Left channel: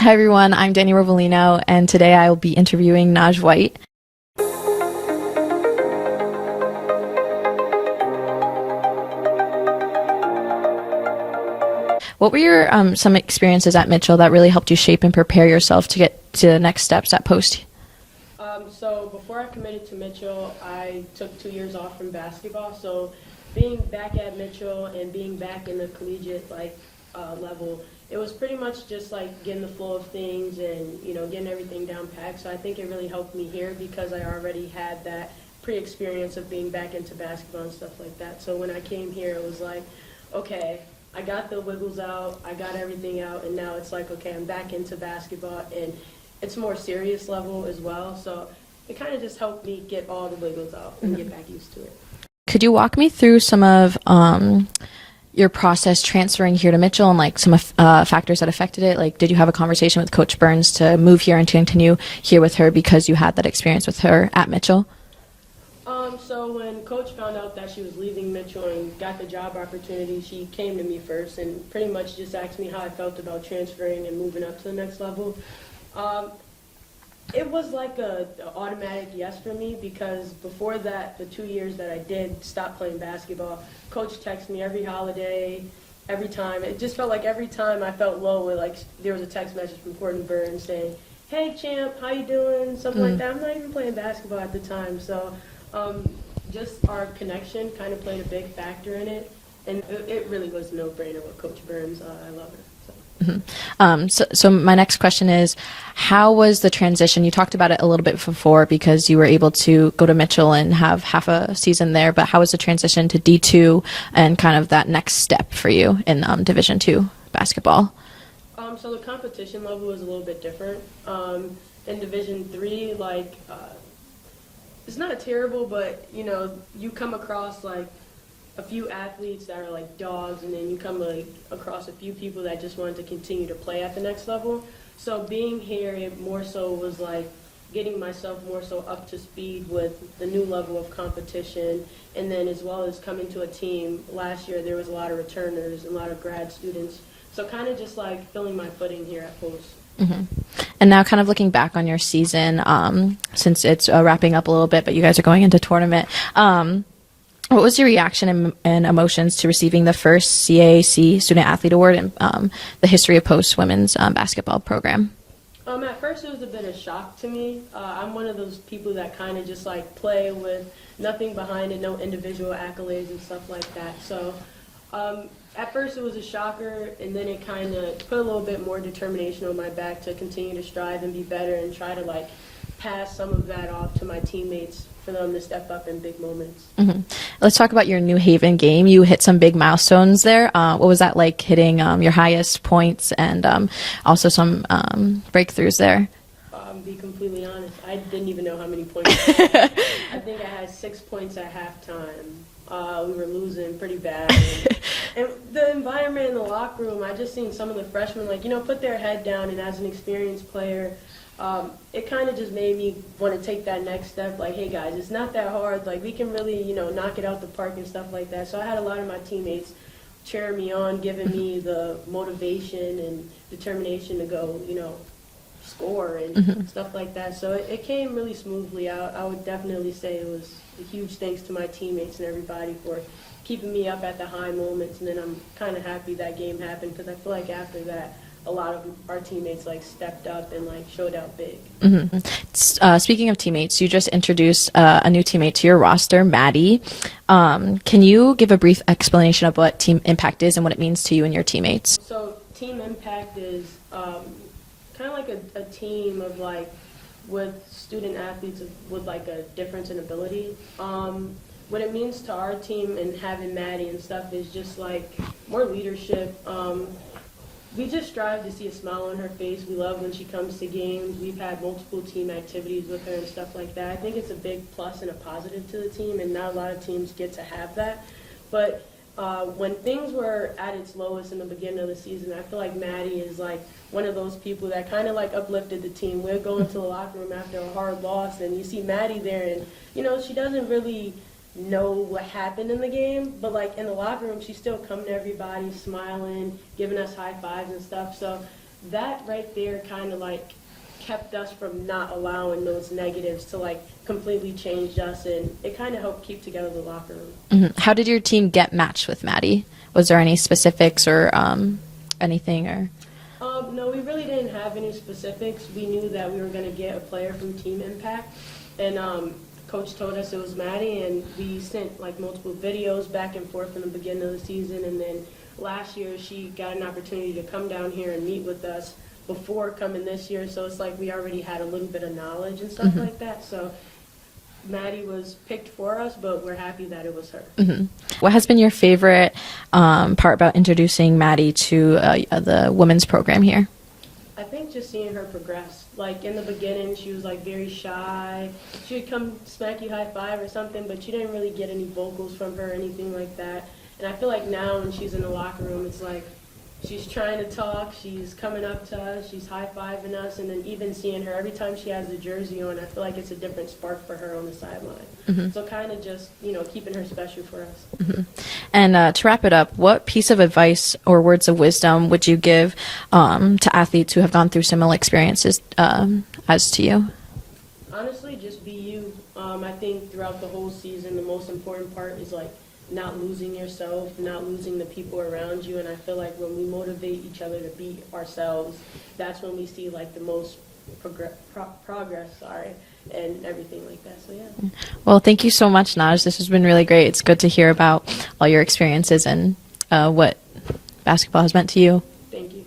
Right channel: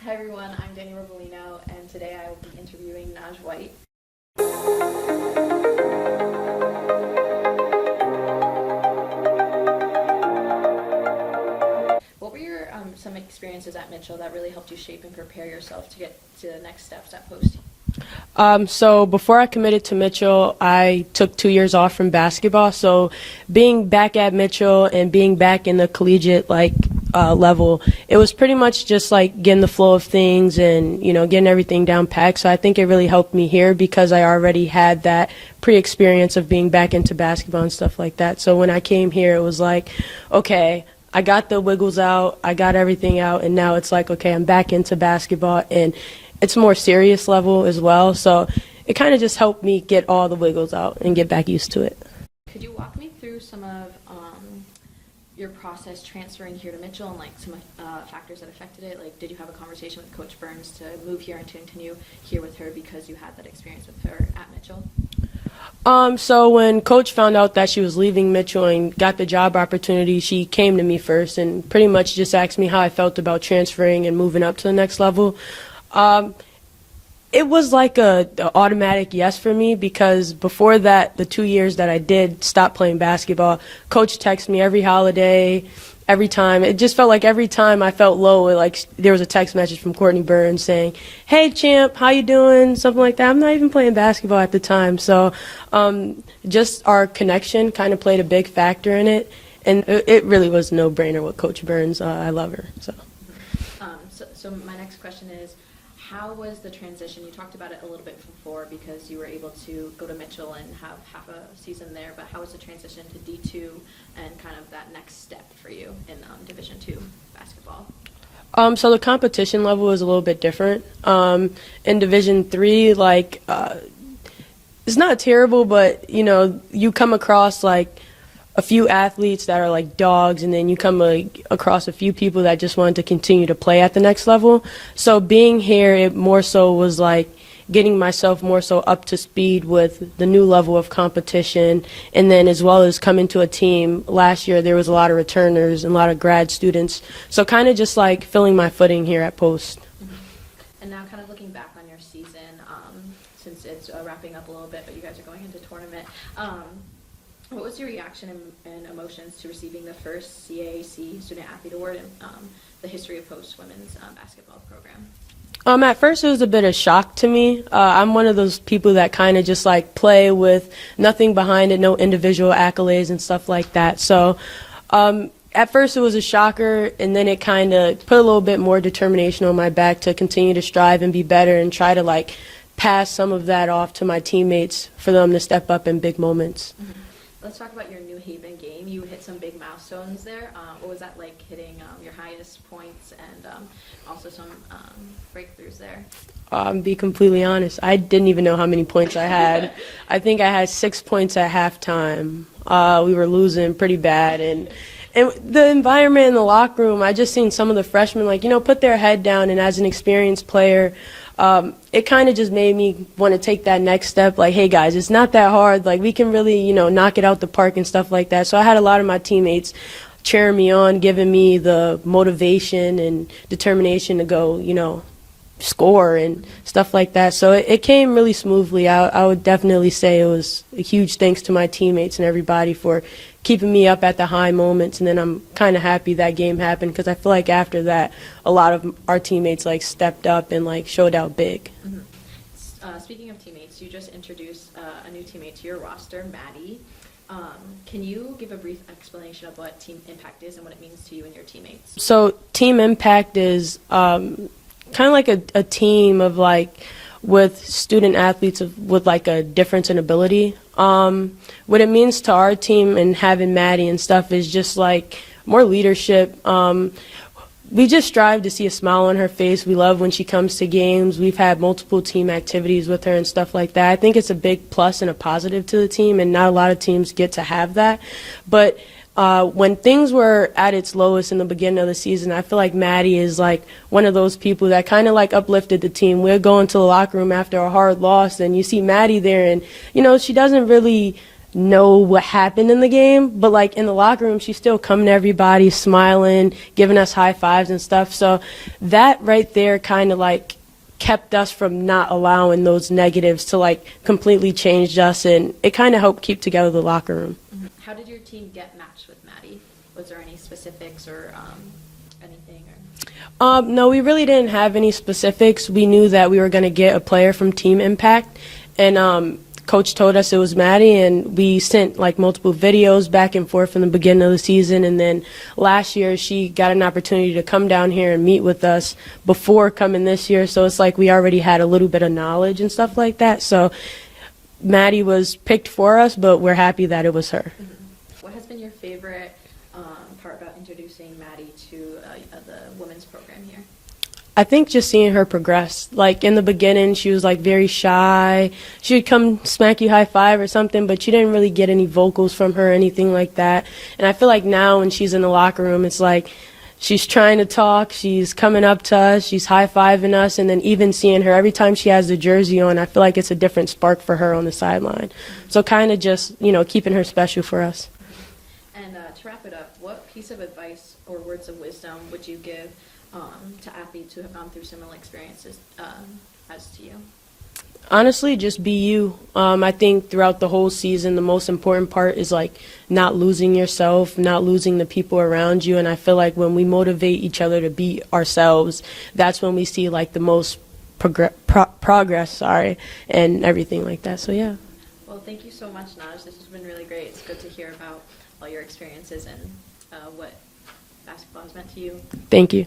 Hi everyone, I'm Dani Rovalino, and today I will be interviewing Naj White. What were your some experiences at Mitchell that really helped you shape and prepare yourself to get to the next steps at Post? So before I committed to Mitchell, I took 2 years off from basketball. So being back at Mitchell and being back in the collegiate level, it was pretty much just like getting the flow of things and getting everything down packed. So I think it really helped me here because I already had that pre-experience of being back into basketball and stuff like that. So when I came here, it was like, okay, I got the wiggles out, I got everything out, and now it's like, okay, I'm back into basketball, and it's a more serious level as well. So it kind of just helped me get all the wiggles out and get back used to it. Could you walk me through some of your process transferring here to Mitchell and like some factors that affected it? Like, did you have a conversation with Coach Burns to move here and to continue here with her because you had that experience with her at Mitchell? So when Coach found out that she was leaving Mitchell and got the job opportunity, she came to me first and pretty much just asked me how I felt about transferring and moving up to the next level. It was like a automatic yes for me because before that, the 2 years that I did stop playing basketball, Coach texted me every holiday, every time. It just felt like every time I felt low, like there was a text message from Courtney Burns saying, "Hey champ, how you doing?" Something like that. I'm not even playing basketball at the time, so just our connection kind of played a big factor in it, and it really was a no-brainer with Coach Burns. I love her. So. So my next question is, how was the transition? You talked about it a little bit before because you were able to go to Mitchell and have half a season there, but how was the transition to D2 and kind of that next step for you in Division II basketball? So the competition level is a little bit different. In Division III, it's not terrible, but you come across a few athletes that are like dogs, and then you come across a few people that just wanted to continue to play at the next level. So being here, it more so was like getting myself more so up to speed with the new level of competition, and then as well as coming to a team. Last year there was a lot of returners and a lot of grad students, so kind of just like filling my footing here at Post. Mm-hmm. And now kind of looking back on your season, since it's wrapping up a little bit, but you guys are going into tournament, what was your reaction and emotions to receiving the first CAC Student Athlete Award in the history of Post women's basketball program? At first it was a bit of shock to me. I'm one of those people that kind of just like play with nothing behind it, no individual accolades and stuff like that. So at first it was a shocker, and then it kind of put a little bit more determination on my back to continue to strive and be better and try to pass some of that off to my teammates for them to step up in big moments. Mm-hmm. Let's talk about your New Haven game. You hit some big milestones there. What was that like, hitting your highest points and also some breakthroughs there? Be completely honest, I didn't even know how many points I had. I think I had 6 points at halftime. We were losing pretty bad, and the environment in the locker room, I just seen some of the freshmen put their head down, and as an experienced player, it kind of just made me want to take that next step. Like, hey guys, it's not that hard. Like, we can really, knock it out the park and stuff like that. So I had a lot of my teammates cheering me on, giving me the motivation and determination to go, score and stuff like that. So it came really smoothly. I would definitely say it was a huge thanks to my teammates and everybody for keeping me up at the high moments, and then I'm kind of happy that game happened because I feel like after that a lot of our teammates stepped up and showed out big. Mm-hmm. Speaking of teammates, you just introduced a new teammate to your roster, Maddie. Can you give a brief explanation of what Team Impact is and what it means to you and your teammates? So Team Impact is kind of like a team of with student athletes with a difference in ability. What it means to our team and having Maddie and stuff is just more leadership. We just strive to see a smile on her face. We love when she comes to games. We've had multiple team activities with her and stuff like that. I think it's a big plus and a positive to the team, and not a lot of teams get to have that. But when things were at its lowest in the beginning of the season, I feel like Maddie is one of those people that kind of uplifted the team. We'll go into the locker room after a hard loss, and you see Maddie there, and she doesn't really know what happened in the game, but like in the locker room, she's still coming to everybody, smiling, giving us high fives and stuff. So that right there kind of like kept us from not allowing those negatives to like completely change us, and it kind of helped keep together the locker room. Mm-hmm. How did your team get matched with Maddie? Was there any specifics or anything or? No, we really didn't have any specifics. We knew that we were going to get a player from Team Impact, and Coach told us it was Maddie, and we sent like multiple videos back and forth from the beginning of the season. And then last year she got an opportunity to come down here and meet with us before coming this year. So it's like we already had a little bit of knowledge and stuff like that. So Maddie was picked for us, but we're happy that it was her. What has been your favorite part about introducing Maddie to the women's program here? I think just seeing her progress. Like in the beginning, she was like very shy. She would come smack you high five or something, but you didn't really get any vocals from her or anything like that. And I feel like now when she's in the locker room, it's like she's trying to talk, she's coming up to us, she's high-fiving us, and then even seeing her every time she has the jersey on, I feel like it's a different spark for her on the sideline. So kind of just, you know, keeping her special for us. And to wrap it up, what piece of advice or words of wisdom would you give to athletes who have gone through similar experiences as to you? Honestly, just be you. I think throughout the whole season, the most important part is like not losing yourself, not losing the people around you. And I feel like when we motivate each other to be ourselves, that's when we see like the most progress, and everything like that. So yeah. Well, thank you so much, Naj. This has been really great. It's good to hear about all your experiences and what basketball has meant to you. Thank you.